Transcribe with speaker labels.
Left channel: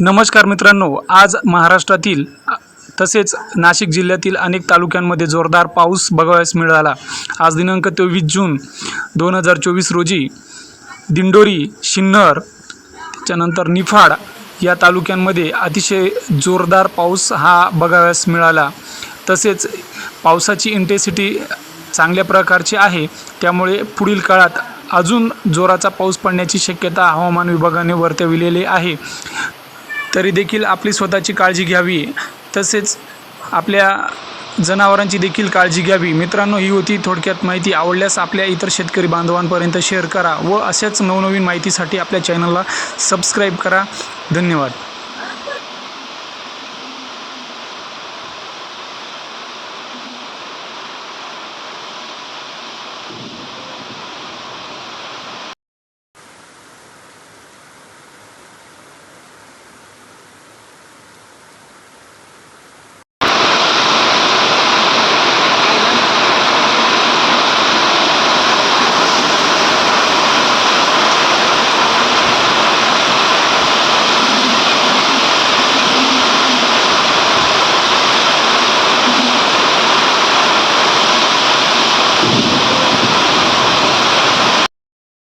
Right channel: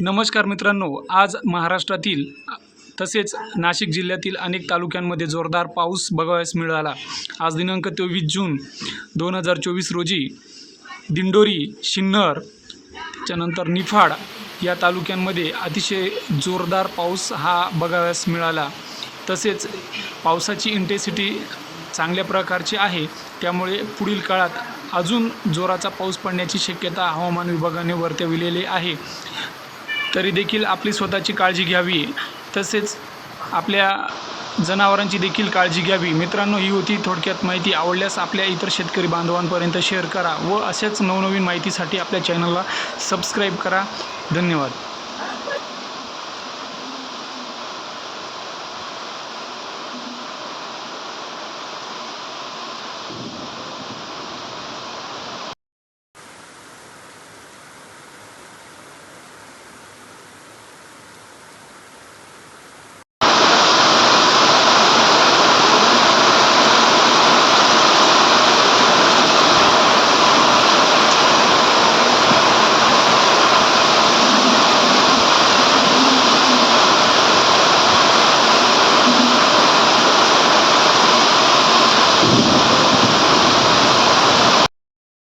Speaker 1: नमस्कार मित्रांनो आज महाराष्ट्रातील तसेच नाशिक जिल्ह्यातील अनेक तालुक्यांमध्ये जोरदार पाऊस बघावयास मिळाला. आज दिनांक तेवीस जून दोन हजार चोवीस रोजी दिंडोरी शिन्नर त्याच्यानंतर निफाड या तालुक्यांमध्ये अतिशय जोरदार पाऊस हा बघावयास मिळाला. तसेच पावसाची इंटेन्सिटी चांगल्या प्रकारची आहे त्यामुळे पुढील काळात अजून जोराचा पाऊस पडण्याची शक्यता हवामान विभागाने वर्तविलेली आहे. तरी देखील आपली स्वतःची काळजी घ्यावी. तसेच आपल्या जनावरांची देखील काळजी घ्यावी. मित्रांनो ही होती थोडक्यात माहिती. आवडल्यास आपल्या इतर शेतकरी बांधवांपर्यंत शेअर करा व अशाच नवनवीन माहितीसाठी आपल्या चॅनलला सबस्क्राईब करा. धन्यवाद. Thank you.